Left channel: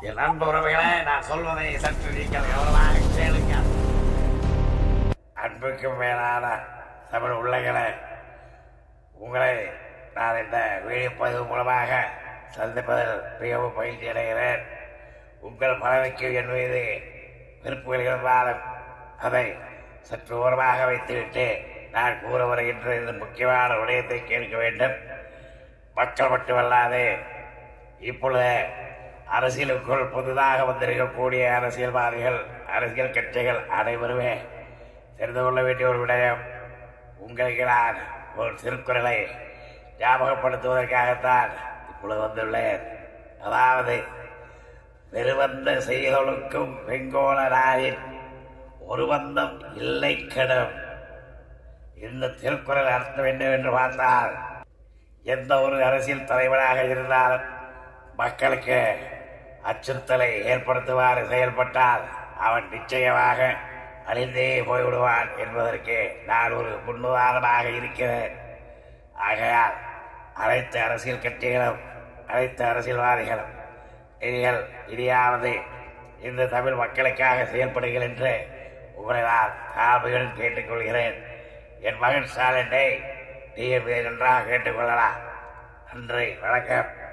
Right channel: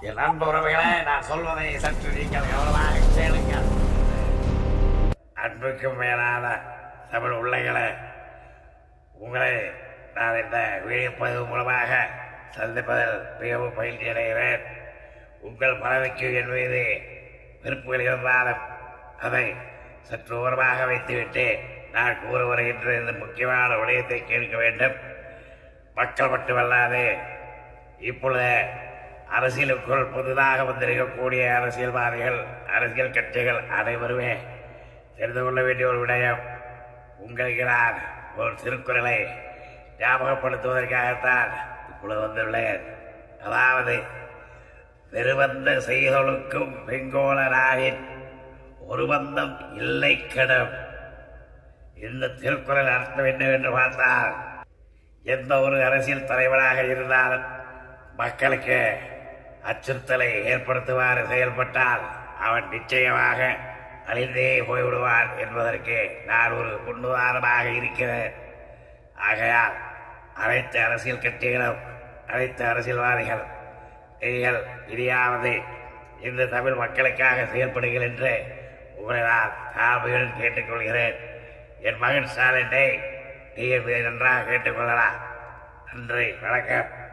என் அன்பு உறவுகளே, நான் சொல்வதை சற்று நீங்கள் கவனமாக கேளுங்கள். அன்புக்கும் மேலான தமிழ் உள்ளங்களே, உங்களை நான் இந்த விழிப்பது மூலமாக சந்திப்பதில் மிகவும் பயிற்சி அடைகிறேன். உங்கள் பலருக்கு என் மீது விருப்புகள் இருந்தாலும் அதை சற்று ஓரமாக வைத்துவிட்டு நான் கூற வருகின்ற இந்த முக்கியமான விடயத்தை கேட்க வேண்டும். மக்கள் மட்டுமல்லாது இப்பொழுது அரசியலுக்குள் புதிதாக வந்திருக்கக்கூடிய அரசியல்வாதிகள், அரசியல் கட்சிகள் அனைவருமே தெரிந்து கொள்ள வேண்டிய ஒரு விடயம். உங்களுக்கு நான் ஒரு திருக்குறளை ஞாபகப்படுத்துவதற்காகத்தான் இப்பொழுது வந்துள்ளேன். அதாவது, வெறுவந்த செய்தொழுக்கும் வெங்கோல நாயின் ஒரு பந்தம் இல்லை கெடும். இந்த திருக்குறள் அர்த்தம் என்னவென்று பார்த்தால், எந்த ஒரு அரசியல் தலைவராக இருந்தாலும் மக்களுக்கு அச்சுறுத்தலை ஏற்படுத்துமாறு செயல்பட்டால் அவன் நிச்சயமாக அழிந்தே போய்விடுவான் என்பதற்கு நான் ஒரு முன்னுதாரணமாக இருக்கிறேன். ஆகையால் அனைத்து அரசியல் கட்சிகளும், அனைத்து அரசியல்வாதிகள், நீங்கள் இனியாவது இந்த தமிழ் மக்களுக்காக செயல்படுங்கள் என்று உங்களை நான் தாழ்வுகள் கேட்டுக்கொள்கிறேன். என் மகன் ஸ்டாலினை நீங்கள் நன்றாக கேட்டுக்கொள்ளலாம். நன்றி, வணக்கம்.